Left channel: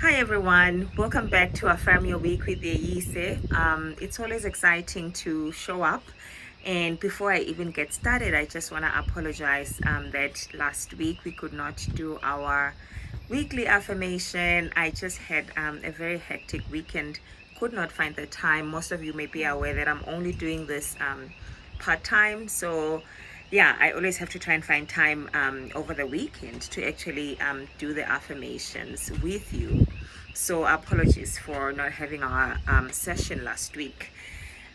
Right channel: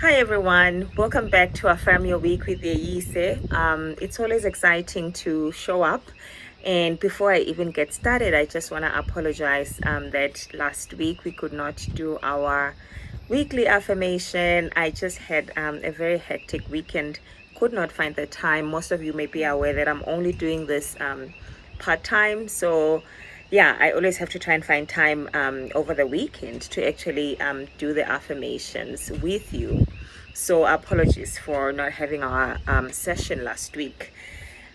Hi everyone, welcome back to Affirm Your Week with Yise. It's always exciting to show up, and before I even get started, I just want to apologize that last week we could not do our weekly affirmation. I just had a very hectic weekend, could not find the time. Most of you may be aware that I'm only doing this part-time, so yeah, I always have to try and find time over the weekend to actually do the affirmations with you. So apologies for not having our session last week.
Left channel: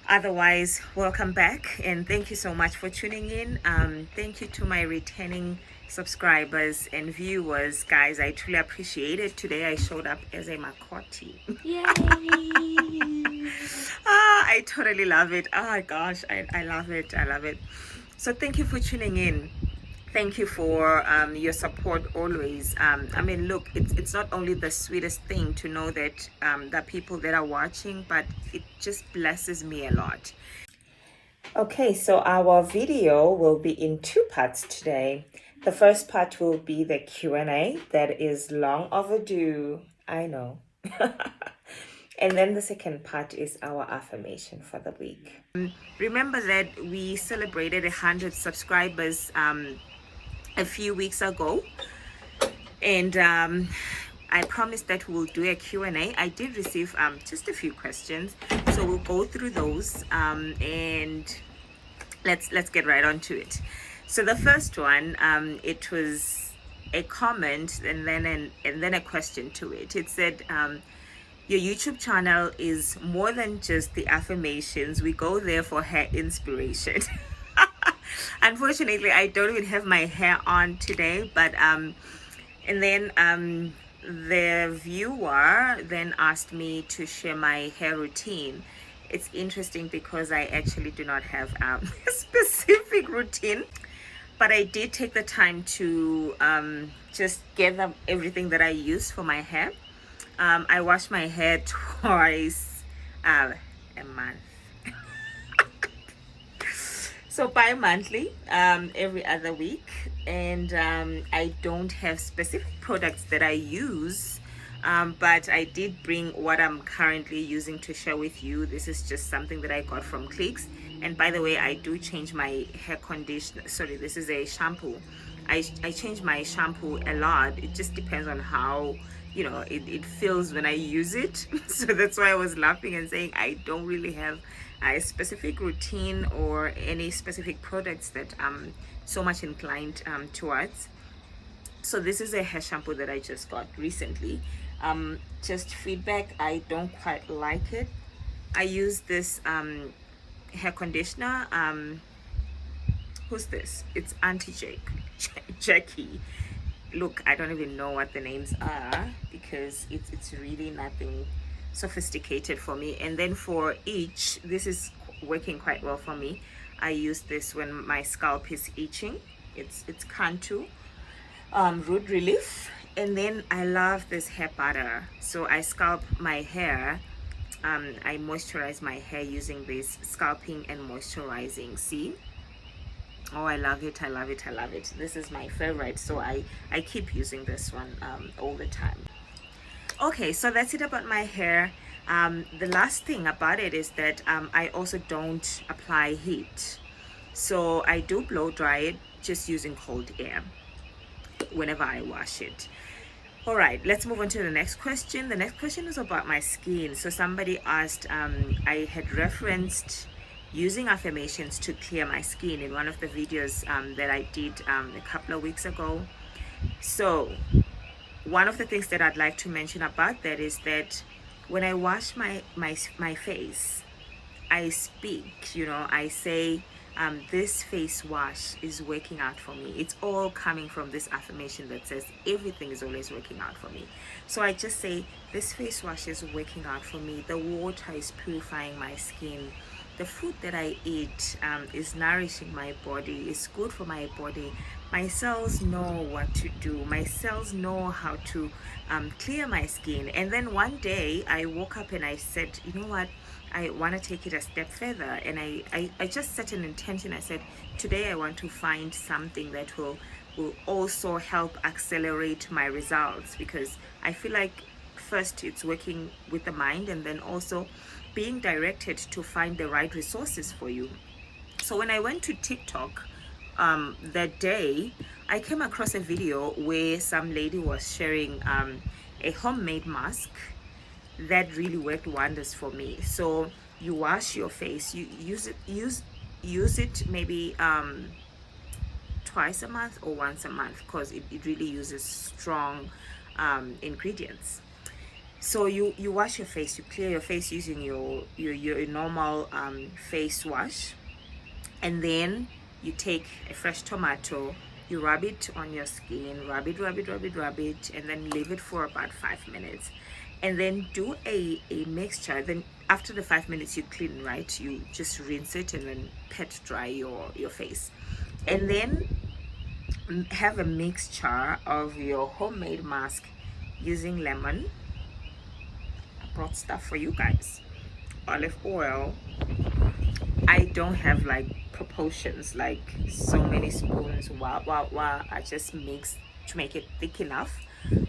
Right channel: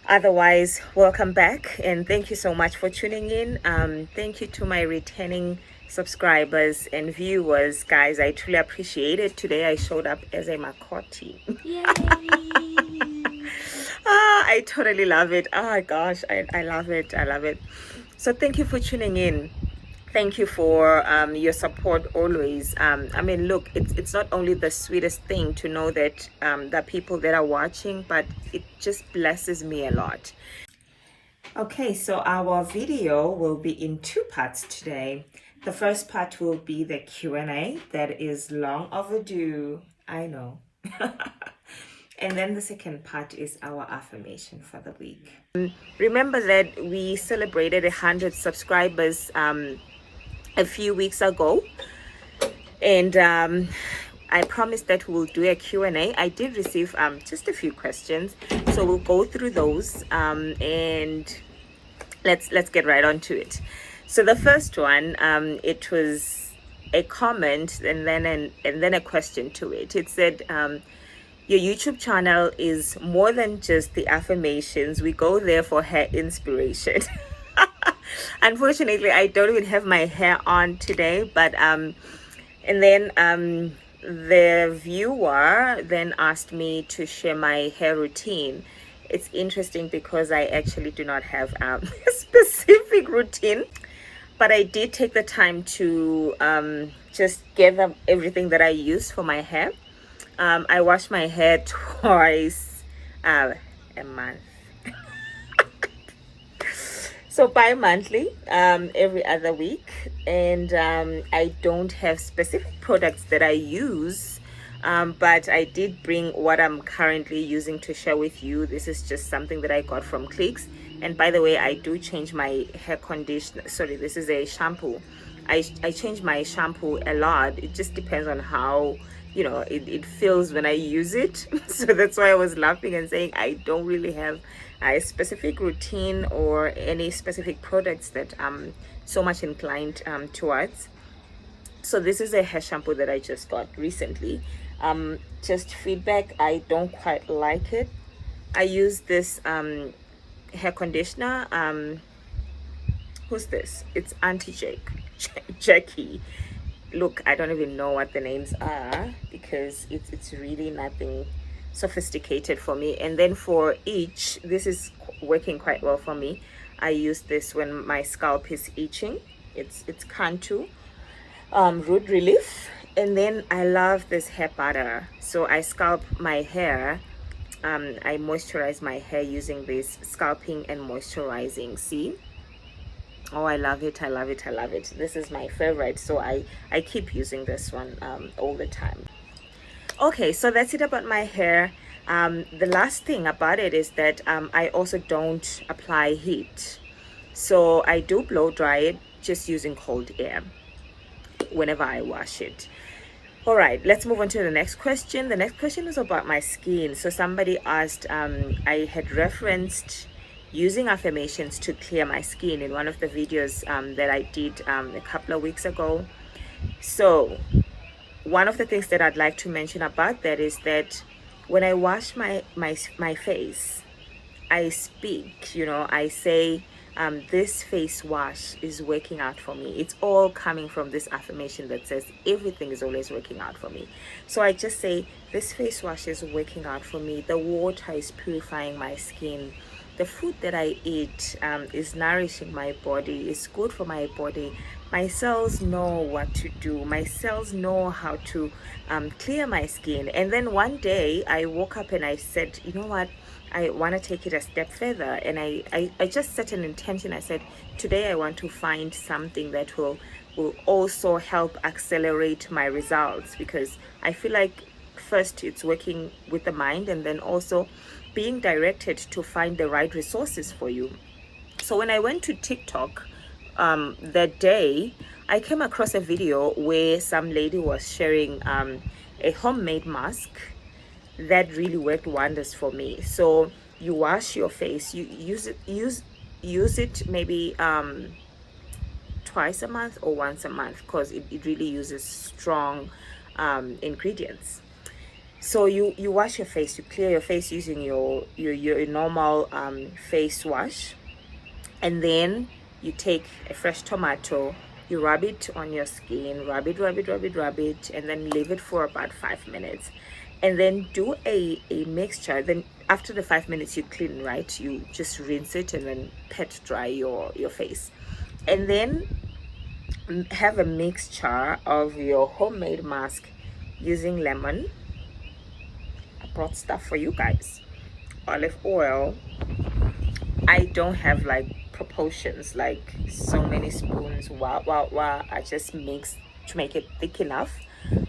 Otherwise, welcome back and thank you so much for tuning in. Thank you to my returning subscribers and viewers, guys. I truly appreciate it. Today I showed up as a Makoti. Yay! I totally love it. Oh gosh, I love it. I love it. So thank you for tuning in. Thank you for your support always. I mean, look, it's not only the sweetest thing to know that there are people that are watching, but it just blesses me a lot. Okay, so our video will be in two parts today. The first part will be the Q&A that is long overdue. I know. And then the second part is our affirmation for the week. Remember that we celebrated 100 subscribers a few weeks ago, and I promised that we'll do a Q&A. I did receive just a few questions, so we'll go through those and let's get right on to it. So the first one, it was a comment and then a question to it. It said, your YouTube channel is more than just the affirmations. We go there for hair inspiration. Unfortunately, I don't even have my hair on today, but and then the viewer then asked me to share my hair routine. It's interesting because I actually do not have a specific routine, but I did take the time to just gather everything that I use for my hair. I wash my hair twice a month. So bi-monthly, every other week. And I don't have specific products that I use, but I did bring what I'm currently using to share with you. This is just something that I got from Clicks. And by the way, I do change my hair conditioner. Sorry, this is a shampoo. I change my shampoo a lot. It just depends on how it feels when I use it. So that's why I was laughing and saying I don't really have a specific routine or any specific products that I'm so much inclined towards. So this is a hair shampoo that I just got recently. Just feedback, I don't quite like it. I use this hair conditioner. Who's this? It's Jackie. Look, I don't even know what the names are because it's really nothing sophisticated for me. And then for each, this is working quite well for me. I use this when my scalp is itching. It's Cantu Root Relief. And then I love this hair butter. So I scalp my hair. I moisturize my hair using this scalping and moisturizing. See? Oh, I love it. I love it. I love it. This is my favorite. So I keep using this one all the time. Okay, so that's it about my hair. The last thing about it is that I also don't apply heat. So I do blow dry it just using cold air whenever I wash it. All right, let's move on to the next question. The next question is about my skin. So somebody asked, I had referenced using affirmations to clear my skin in one of the videos that I did a couple of weeks ago. So one of the things that I'd like to mention about that is that when I wash my face, I speak, I say, this face wash is working out for me. It's all coming from this affirmation that says everything is always working out for me. So I just say, this face wash is working out for me. The water is purifying my skin. The food that I eat is nourishing my body, is good for my body. My cells know what to do. My cells know how to clear my skin. And then one day I woke up and I said, you know what? I want to take it a step further. And I just set an intention. I said, today I want to find something that will also help accelerate my results, because I feel like first it's working with the mind, and then also being directed to find the right resources for you. So when I went to TikTok that day, I came across a video where some lady was sharing a homemade mask that really worked wonders for me. So you wash your face, you use it maybe twice a month or once a month, because it really uses strong ingredients. So you wash your face, you clear your face using your normal face wash, and then you take a fresh tomato, you rub it on your skin, rub it, and then leave it for about 5 minutes, and then do a mixture. Then after the 5 minutes you clean, right? You just rinse it and then pat dry your face, and then have a mixture of your homemade mask using lemon. I brought stuff for you guys. Olive oil. I don't have like proportions, like so many spoons. I just mix to make it thick enough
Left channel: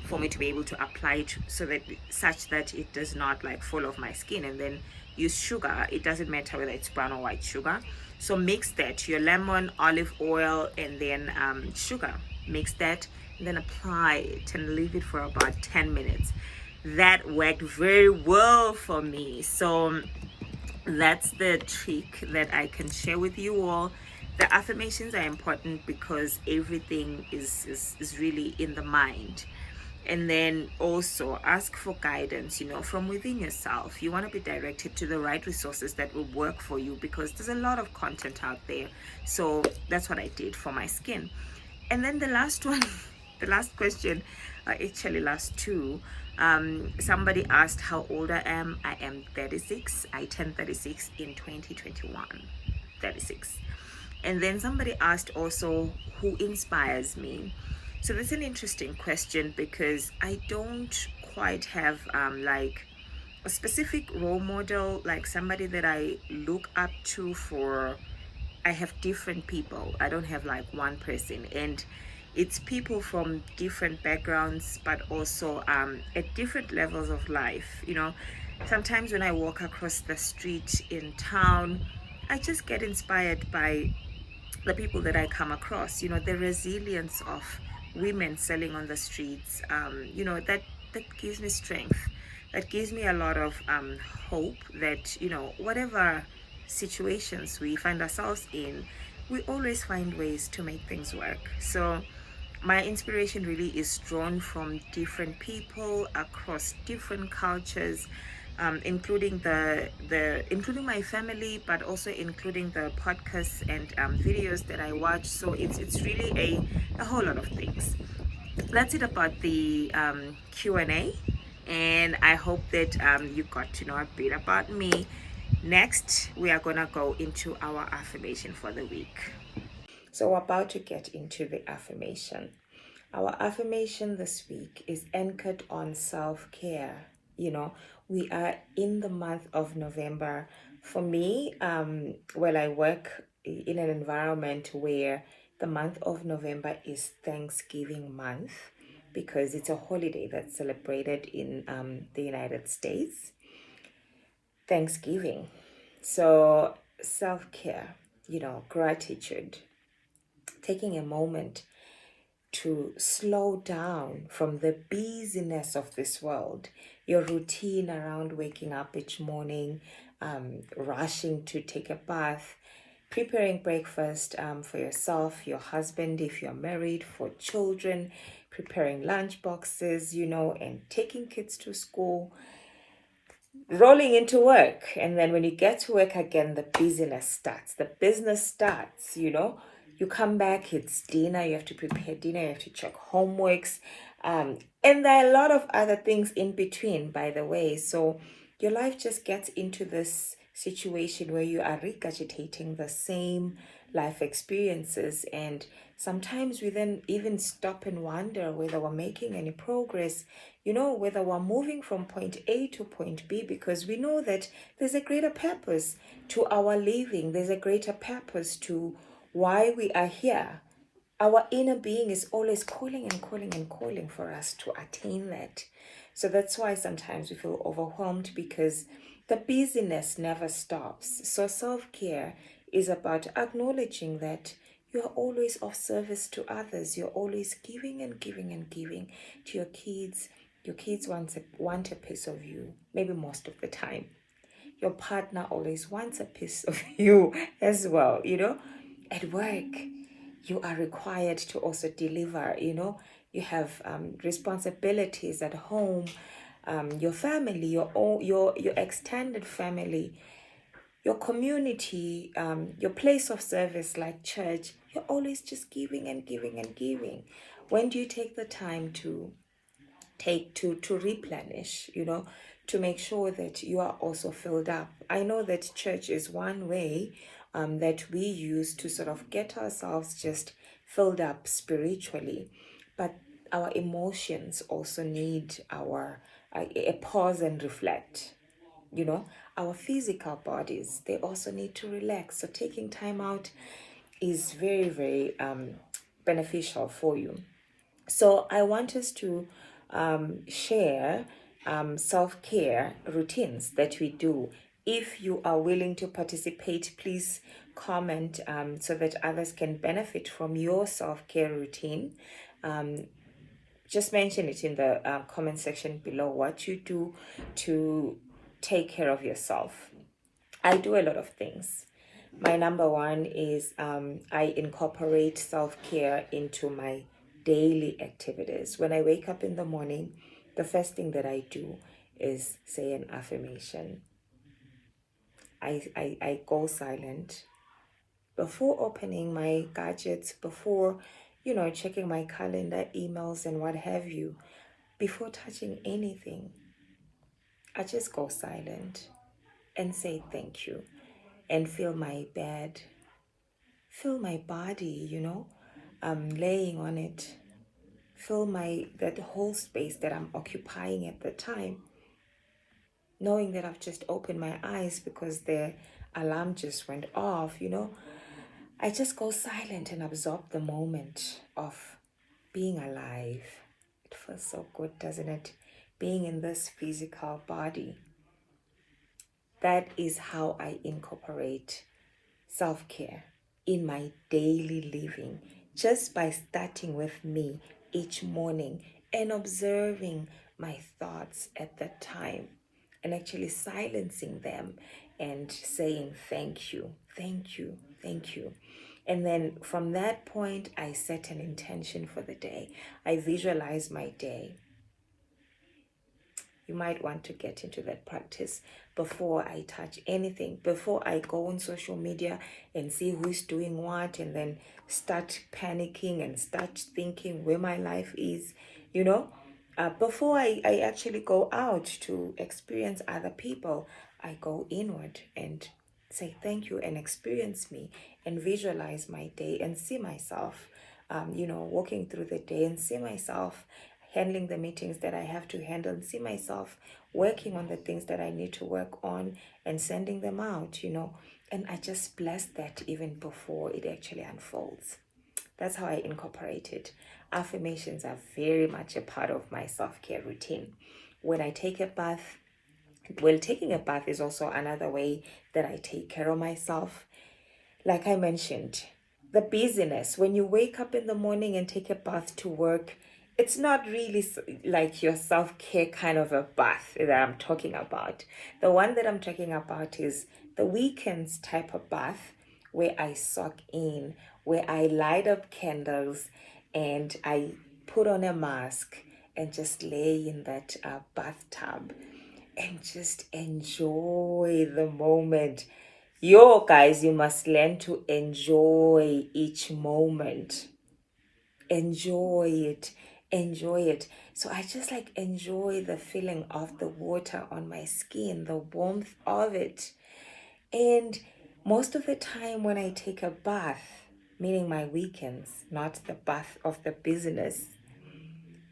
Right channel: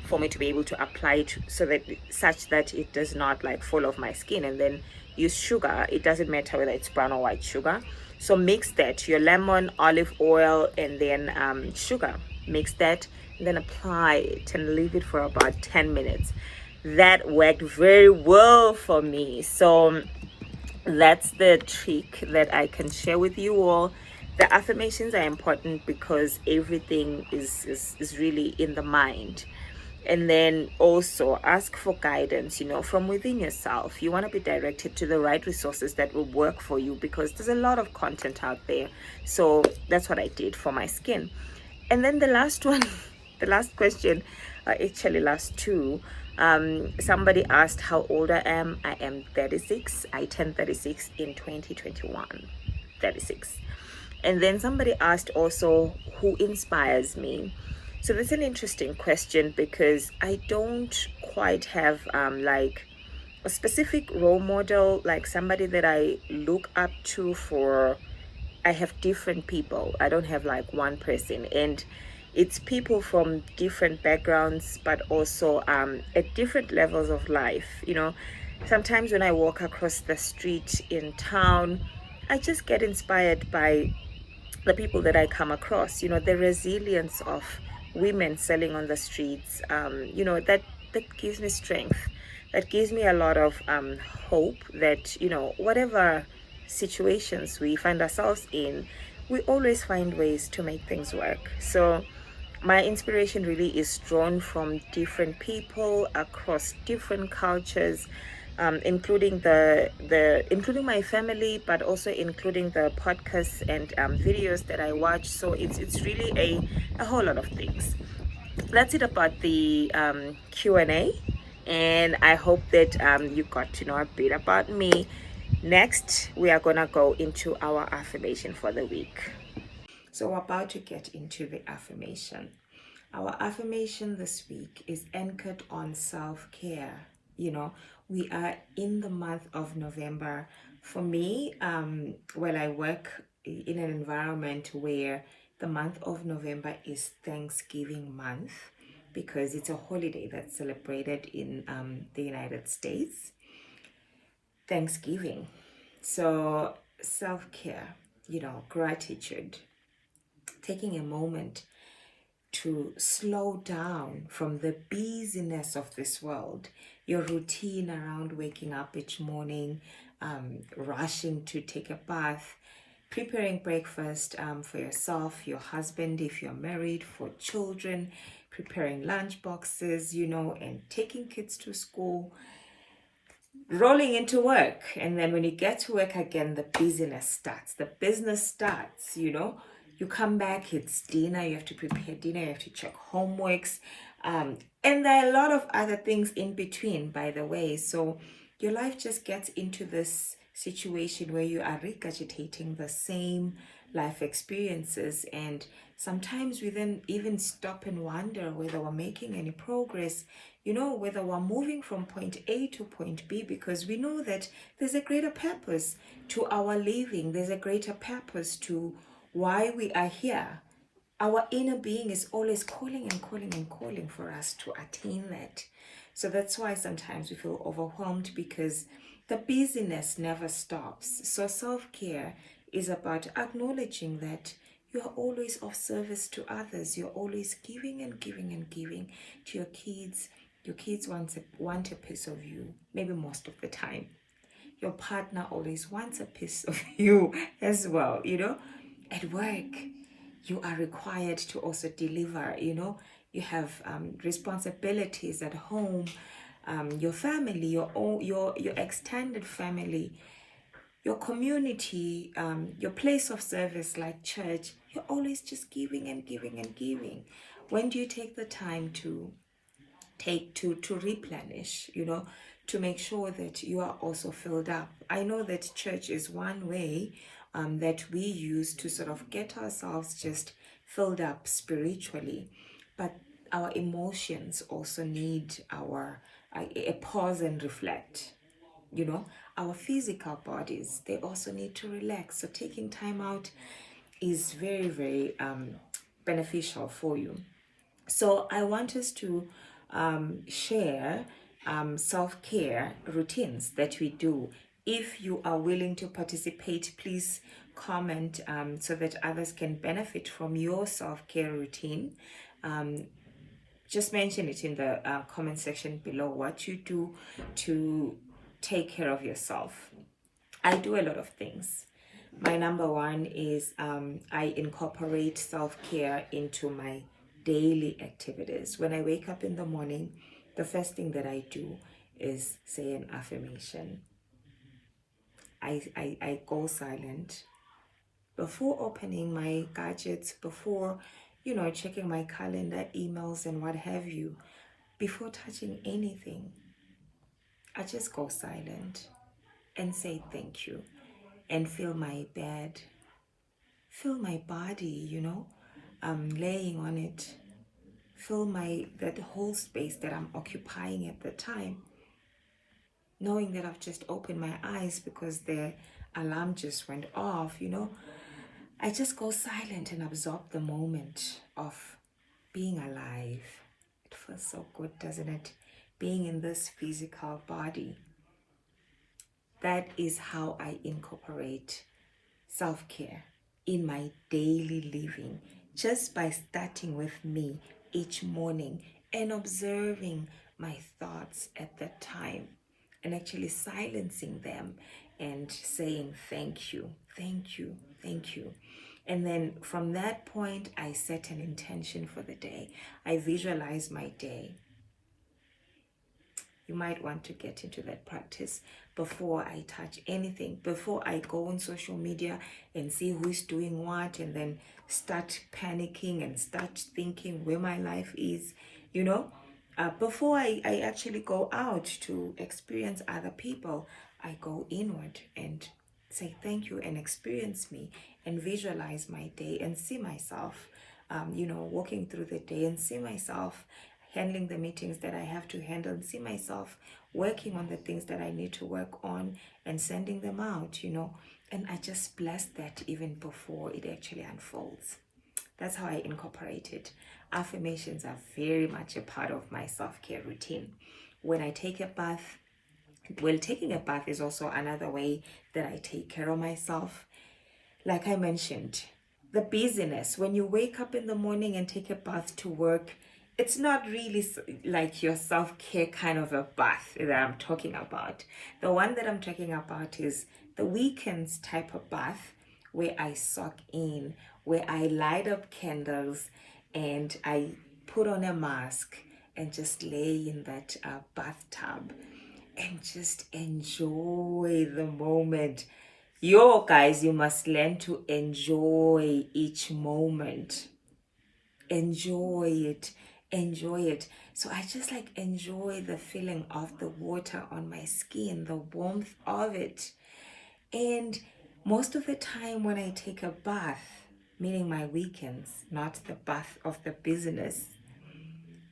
for me to be able to apply it, so that such that it does not like fall off my skin. And then use sugar. It doesn't matter whether it's brown or white sugar. So mix that, your lemon, olive oil, and then sugar. Mix that, and then apply it and leave it for about 10 minutes. That worked very well for me. So that's the trick that I can share with you all. The affirmations are important because everything is really in the mind. And then also ask for guidance, from within yourself. You want to be directed to the right resources that will work for you, because there's a lot of content out there. So that's what I did for my skin. And then the last one, the last question, actually last two, somebody asked how old I am. I am 36. I turned 36 in 2021. 36. And then somebody asked also, who inspires me? So that's an interesting question, because I don't quite have like a specific role model, like somebody that I look up to for. I have different people. I don't have like one person, and it's people from different backgrounds, but also at different levels of life. Sometimes when I walk across the street in town, I just get inspired by the people that I come across. The resilience of women selling on the streets, that gives me strength. That gives me a lot of hope that, whatever situations we find ourselves in, we always find ways to make things work. So my inspiration really is drawn from different people across different cultures, including including my family, but also including the podcasts and videos that I watch. So it's really a whole lot of things. That's it about the Q&A, and I hope that you got to know a bit about me. Next, we are gonna go into our affirmation for the week. So we're about to get into the affirmation. Our affirmation this week is anchored on self-care. We are in the month of November. For me, well, I work in an environment where the month of November is Thanksgiving month, because it's a holiday that's celebrated in the United States. Thanksgiving. So self-care, gratitude, taking a moment to slow down from the busyness of this world, your routine around waking up each morning, rushing to take a bath, preparing breakfast for yourself, your husband, if you're married, for children, preparing lunch boxes, and taking kids to school, rolling into work. And then when you get to work again, the busyness starts, the business starts. You come back, it's dinner, you have to prepare dinner, you have to check homeworks, and there are a lot of other things in between, by the way. So your life just gets into this situation where you are regurgitating the same life experiences, and sometimes we then even stop and wonder whether we're making any progress, whether we're moving from point A to point B, because we know that there's a greater purpose to our living. There's a greater purpose to why we are here. Our inner being is always calling and calling and calling for us to attain that. So that's why sometimes we feel overwhelmed, because the busyness never stops. So self-care is about acknowledging that you're always of service to others. You're always giving and giving and giving to your kids. Your kids want a piece of you, maybe most of the time. Your partner always wants a piece of you as well, At work, you are required to also deliver, You have responsibilities at home, your family, your extended family, your community, your place of service like church. You're always just giving and giving and giving. When do you take the time to replenish, to make sure that you are also filled up? I know that church is one way that we use to sort of get ourselves just filled up spiritually, but our emotions also need a pause and reflect. Our physical bodies, they also need to relax. So taking time out is very, very beneficial for you. So I want us to share self-care routines that we do. If you are willing to participate, please comment so that others can benefit from your self-care routine. Just mention it in the comment section below, what you do to take care of yourself. I do a lot of things. My number one is I incorporate self-care into my daily activities. When I wake up in the morning, the first thing that I do is say an affirmation. I go silent before opening my gadgets, before checking my calendar, emails, and what have you. Before touching anything, I just go silent and say thank you, and feel my bed, feel my body, laying on it, feel that whole space that I'm occupying at the time, knowing that I've just opened my eyes because the alarm just went off. I just go silent and absorb the moment of being alive. It feels so good, doesn't it? Being in this physical body. That is how I incorporate self-care in my daily living, just by starting with me each morning and observing my thoughts at that time and actually silencing them and saying thank you, thank you, thank you. And then from that point, I set an intention for the day. I visualize my day. You might want to get into that practice before I touch anything, before I go on social media and see who's doing what, and then start panicking and start thinking where my life is, before I actually go out to experience other people, I go inward and say thank you and experience me and visualize my day and see myself, walking through the day and see myself handling the meetings that I have to handle, and see myself working on the things that I need to work on and sending them out, and I just bless that even before it actually unfolds. That's how I incorporate it. Affirmations are very much a part of my self-care routine. When I take a bath, taking a bath is also another way that I take care of myself. Like I mentioned, the busyness, when you wake up in the morning and take a bath to work, it's not really like your self-care kind of a bath that I'm talking about. The one that I'm talking about is the weekends type of bath, where I soak in, where I light up candles and I put on a mask and just lay in that bathtub and just enjoy the moment. Guys, you must learn to enjoy each moment. Enjoy it. So I just enjoy the feeling of the water on my skin, the warmth of it. And most of the time when I take a bath, meaning my weekends, not the bath of the business,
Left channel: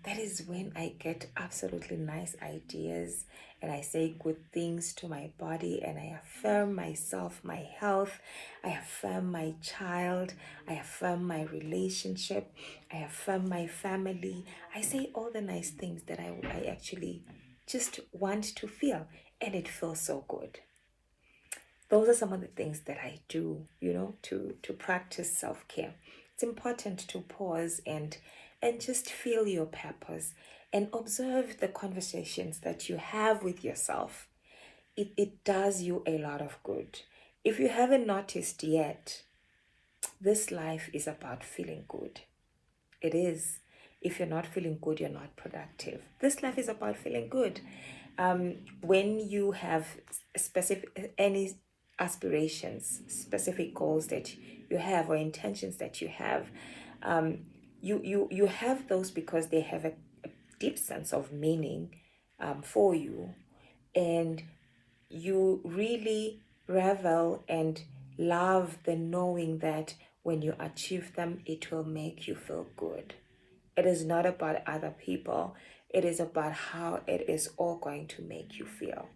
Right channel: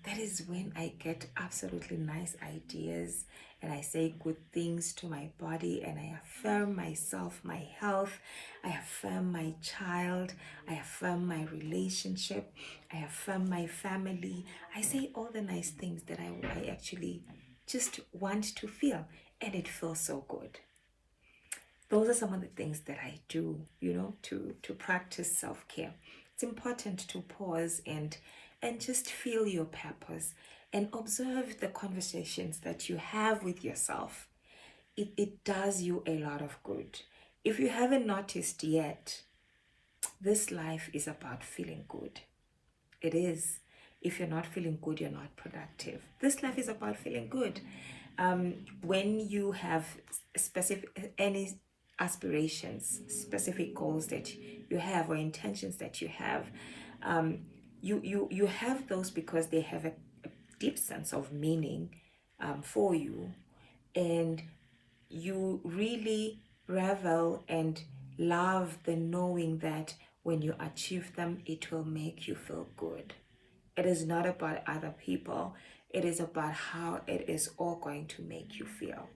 that is when I get absolutely nice ideas, and I say good things to my body, and I affirm myself, my health, I affirm my child, I affirm my relationship, I affirm my family. I say all the nice things that I actually just want to feel, and it feels so good. Those are some of the things that I do, to practice self-care. It's important to pause and just feel your purpose and observe the conversations that you have with yourself. It does you a lot of good. If you haven't noticed yet, this life is about feeling good. It is. If you're not feeling good, you're not productive. This life is about feeling good. When you have any aspirations, specific goals that you have, or intentions that you have, you have those because they have a deep sense of meaning for you, and you really revel and love the knowing that when you achieve them, it will make you feel good. It is not about other people. It is about how it is all going to make you feel.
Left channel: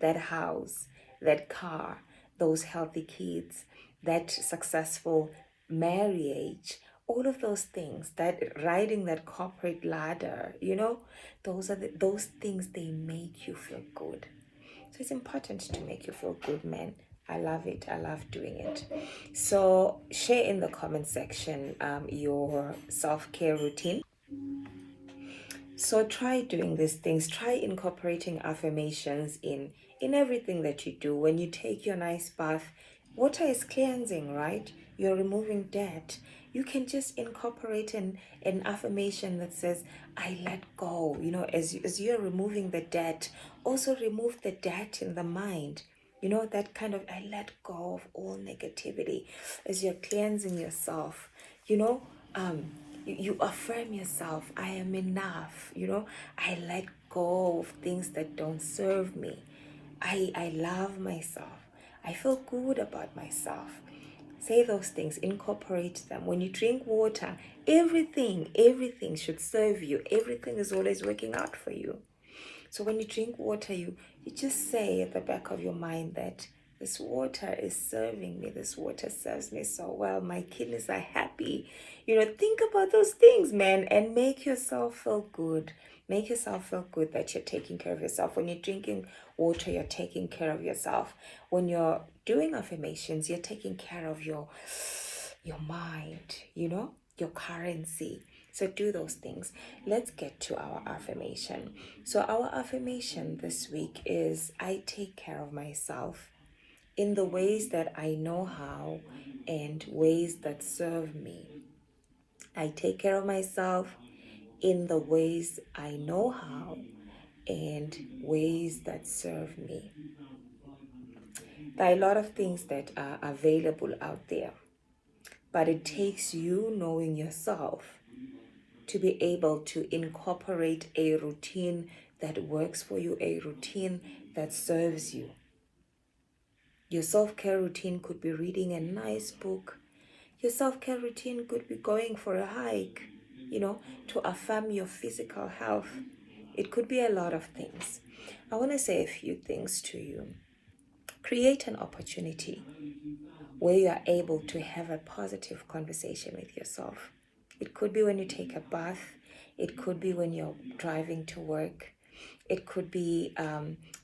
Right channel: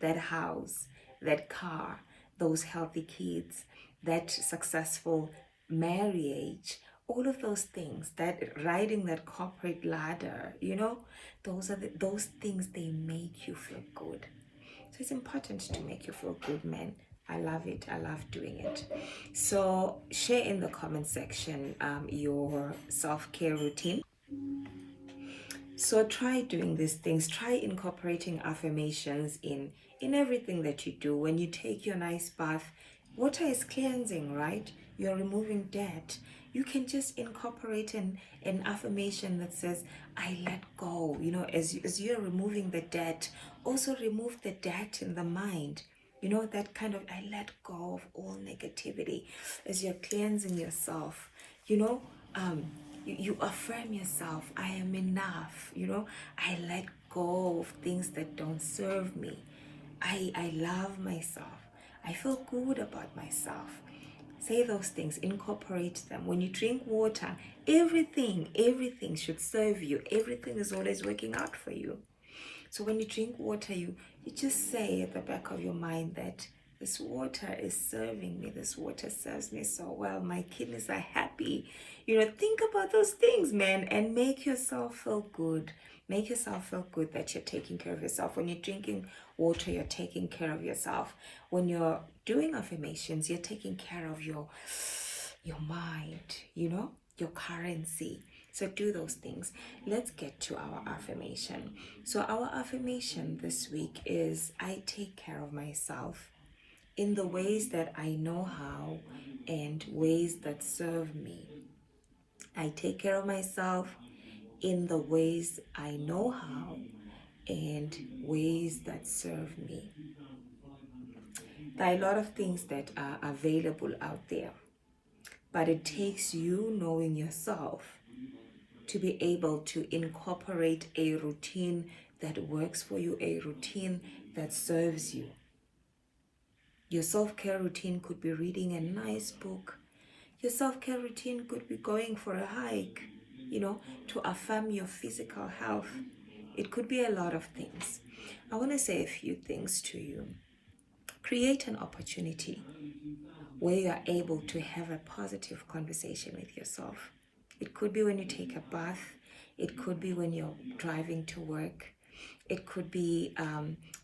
That house, that car, those healthy kids, that successful marriage, all of those things, that riding that corporate ladder, those things, they make you feel good. So it's important to make you feel good, man. I love it. I love doing it. So share in the comment section your self-care routine. So try doing these things. Try incorporating affirmations in everything that you do. When you take your nice bath, water is cleansing, right? You're removing dirt. You can just incorporate an affirmation that says, I let go. As you're removing the dirt, also remove the dirt in the mind. That kind of, I let go of all negativity. As you're cleansing yourself, you affirm yourself. I am enough. I let go of things that don't serve me. I love myself. I feel good about myself. Say those things, incorporate them. When you drink water, everything should serve you. Everything is always working out for you. So when you drink water, you just say at the back of your mind that this water is serving me. This water serves me so well. My kidneys are happy. Think about those things, man, and make yourself feel good. Make yourself feel good that you're taking care of yourself. When you're drinking water, you're taking care of yourself. When you're doing affirmations, you're taking care of your mind, your currency. So do those things. Let's get to our affirmation. So our affirmation this week is, I take care of myself in the ways that I know how and ways that serve me. I take care of myself in the ways I know how and ways that serve me. There are a lot of things that are available out there, but it takes you knowing yourself to be able to incorporate a routine that works for you, a routine that serves you. Your self-care routine could be reading a nice book. Your self-care routine could be going for a hike, to affirm your physical health. It could be a lot of things. I want to say a few things to you. Create an opportunity where you are able to have a positive conversation with yourself. It could be when you take a bath. It could be when you're driving to work. It could be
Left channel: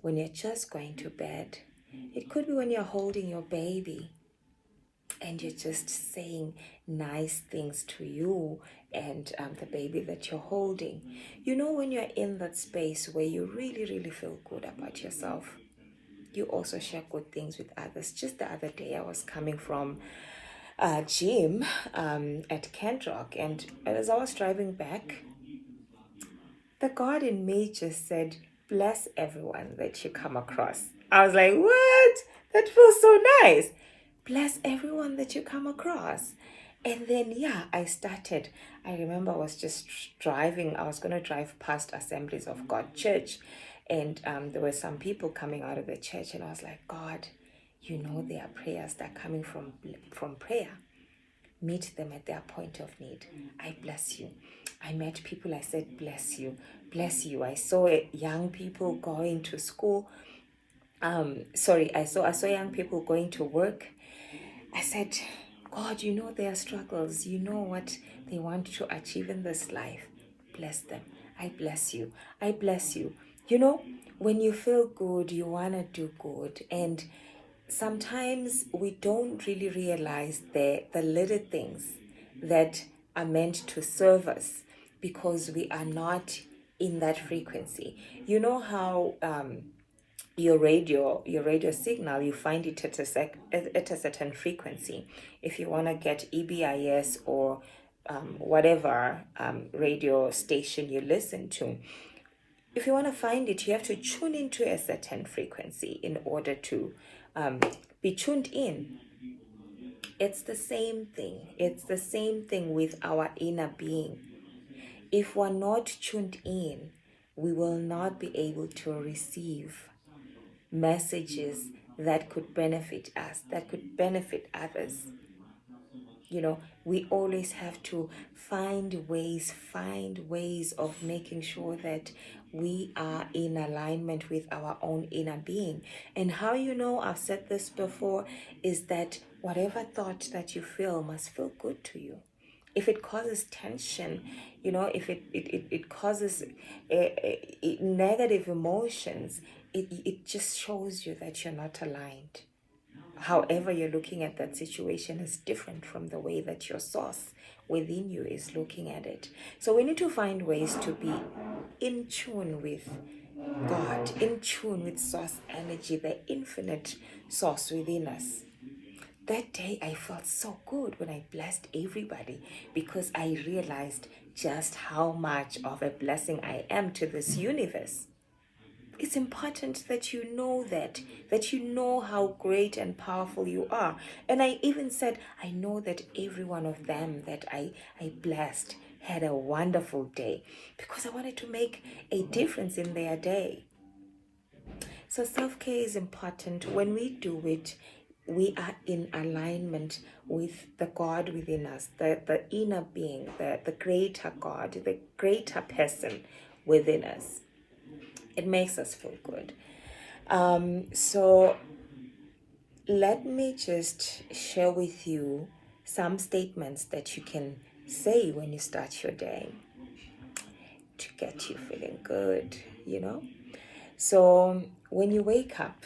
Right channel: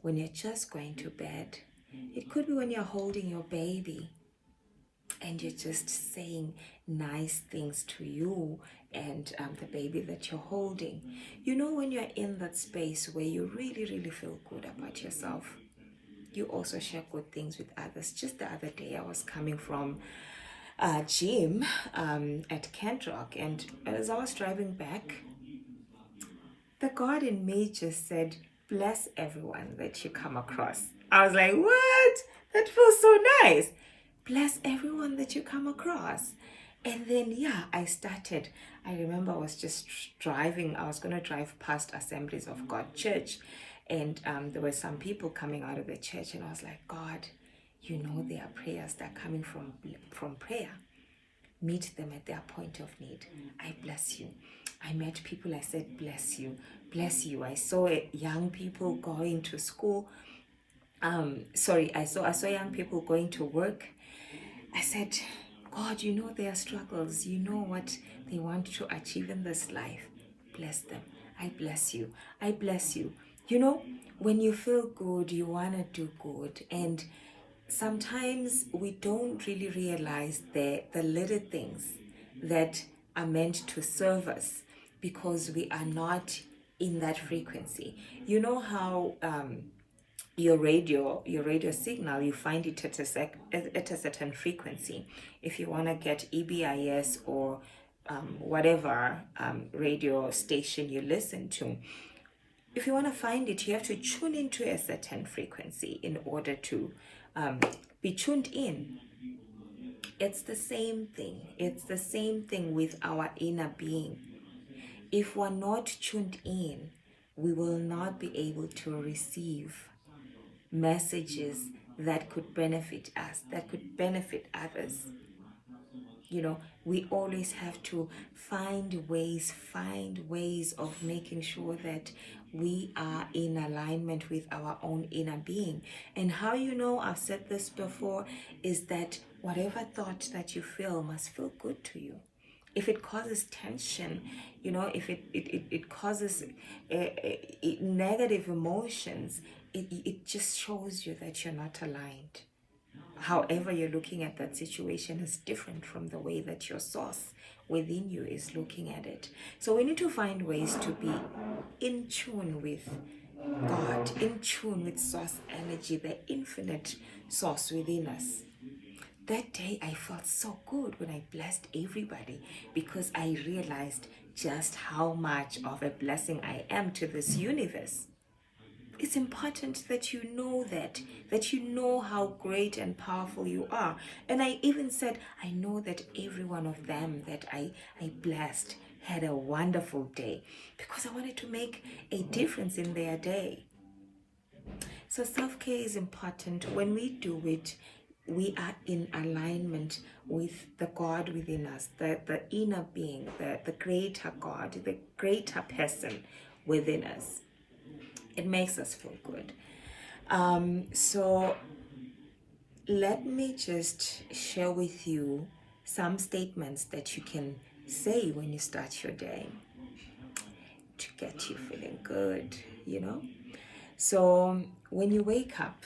when you're just going to bed. It could be when you're holding your baby and you're just saying nice things to you and the baby that you're holding. When you're in that space where you really, really feel good about yourself, you also share good things with others. Just the other day, I was coming from a gym at Kent Rock, and as I was driving back, the God in me just said, bless everyone that you come across. I was like, what? That feels so nice. Bless everyone that you come across. And then, I remember I was just driving. I was going to drive past Assemblies of God Church. And there were some people coming out of the church. And I was like, God, there are prayers that are coming from prayer. meet them at their point of need. I bless you. I met people, I said, bless you, bless you. I saw young people going to school. I saw young people going to work. I said, God, you know their struggles. You know what they want to achieve in this life. Bless them. I bless you. I bless you. You know, when you feel good, you want to do good. And sometimes we don't really realize the little things that are meant to serve us because we are not in that frequency. You know how your radio signal, you find it at a certain frequency. If you want to get EBIS or whatever radio station you listen to, if you want to find it, you have to tune into a certain frequency in order to be tuned in. It's the same thing. It's the same thing with our inner being. If we're not tuned in, we will not be able to receive messages that could benefit us, that could benefit others. You know, we always have to find ways of making sure that we are in alignment with our own inner being. And how you know, I've said this before, is that whatever thought that you feel must feel good to you. If it causes tension, you know, if it causes negative emotions, it just shows you that you're not aligned. However you're looking at that situation is different from the way that your source within you is looking at it. So we need to find ways to be in tune with God, in tune with source energy, the infinite source within us. That day I felt so good when I blessed everybody because I realized just how much of a blessing I am to this universe. It's important that you know that you know how great and powerful you are. And I even said, I know that every one of them that I blessed had a wonderful day because I wanted to make a difference in their day. So self-care is important. When we do it, we are in alignment with the God within us, the inner being, the greater God, the greater person within us. It makes us feel good. So let me just share with you some statements that you can say when you start your day to get you feeling good, you know. So when you wake up,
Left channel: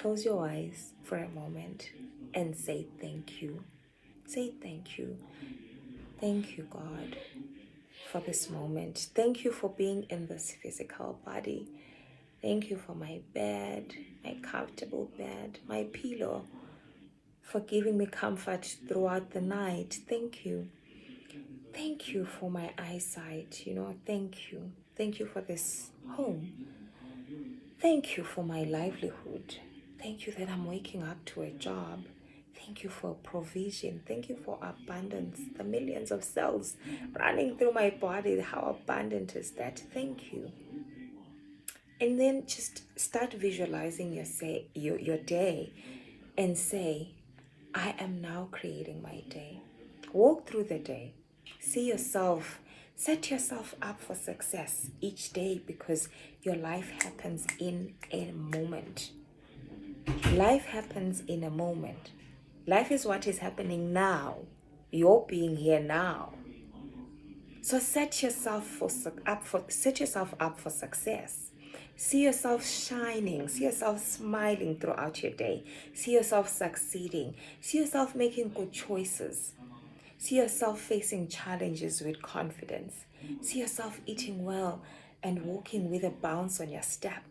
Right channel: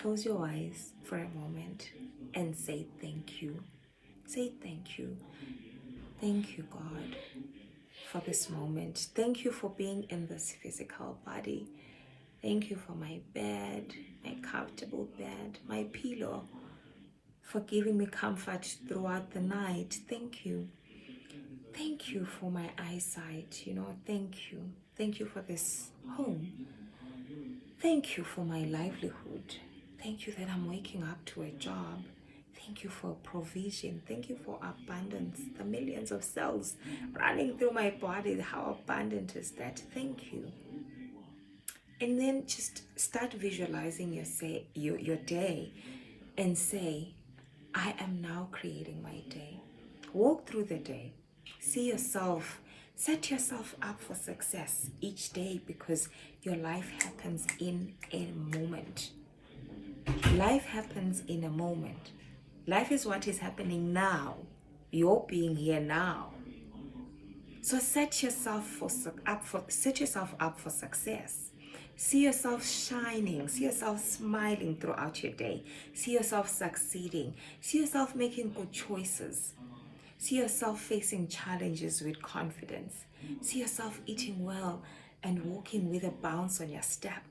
close your eyes for a moment and say thank you. Say thank you. Thank you, God, for this moment. Thank you for being in this physical body. Thank you for my bed, my comfortable bed, my pillow, for giving me comfort throughout the night. Thank you. Thank you for my eyesight, you know, thank you. Thank you for this home. Thank you for my livelihood. Thank you that I'm waking up to a job. Thank you for provision. Thank you for abundance. The millions of cells running through my body. How abundant is that? Thank you. And then just start visualizing your day and say, I am now creating my day. Walk through the day. See yourself. Set yourself up for success each day because your life happens in a moment. Life happens in a moment. Life is what is happening now. You're being here now. So set yourself up for success. See yourself shining. See yourself smiling throughout your day. See yourself succeeding. See yourself making good choices. See yourself facing challenges with confidence. See yourself eating well and walking with a bounce on your step.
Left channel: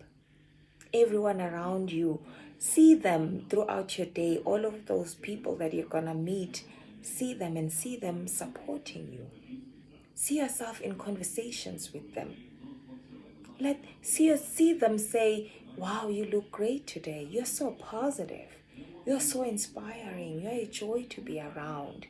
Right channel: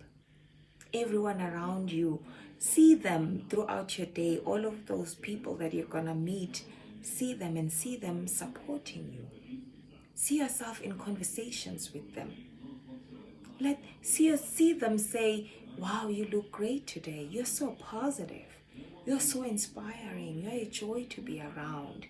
Everyone around you, see them throughout your day. All of those people that you're going to meet, see them and see them supporting you. See yourself in conversations with them. See them say, wow, you look great today. You're so positive. You're so inspiring. You're a joy to be around.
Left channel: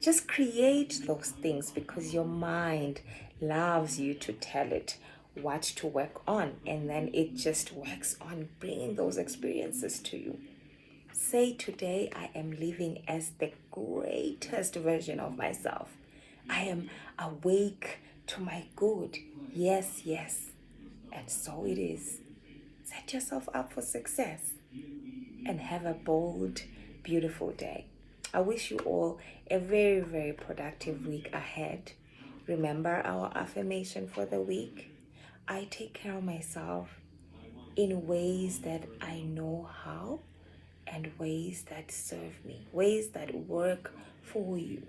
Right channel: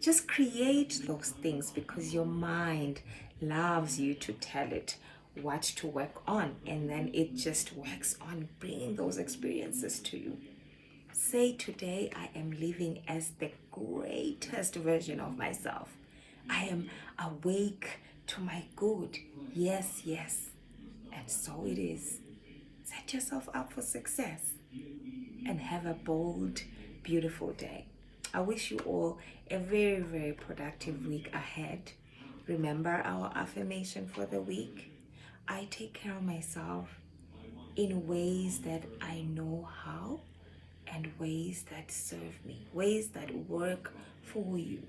Just create those things because your mind loves you to tell it what to work on, and then it just works on bringing those experiences to you. Say today, I am living as the greatest version of myself. I am awake to my good. Yes, yes. And so it is. Set yourself up for success and have a bold, beautiful day. I wish you all a very, very productive week ahead. Remember our affirmation for the week. I take care of myself in ways that I know how and ways that serve me, ways that work for you.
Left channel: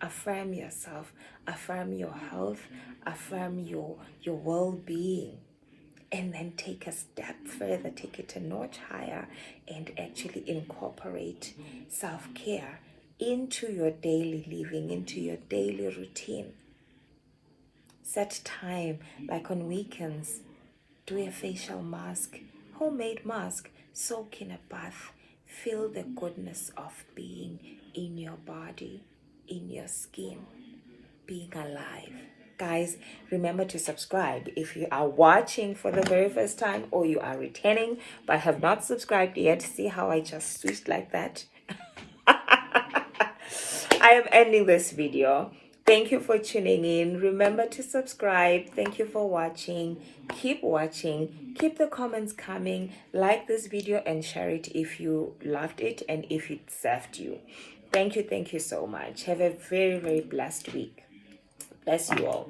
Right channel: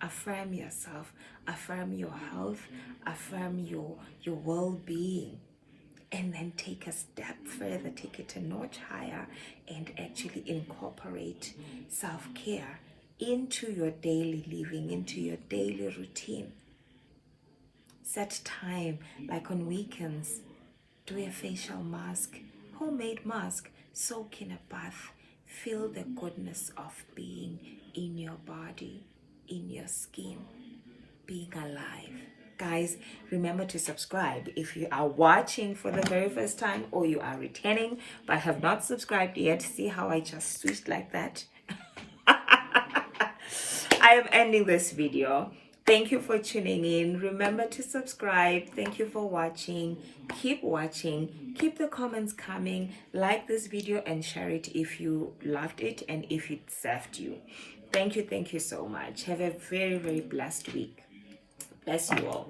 Affirm yourself, affirm your health, affirm your well-being, and then take a step further, take it a notch higher, and actually incorporate self-care into your daily living, into your daily routine. Set time, like on weekends, do a facial mask, homemade mask, soak in a bath, feel the goodness of being in your body, in your skin, being alive. Guys, remember to subscribe if you are watching for the very first time or you are returning but have not subscribed yet. See how I just switched like that? I am ending this video. Thank you for tuning in. Remember to subscribe. Thank you for watching. Keep watching. Keep the comments coming. Like this video and share it if you loved it and if it served you. Thank you so much. Have a very, very blessed week. Bless you all.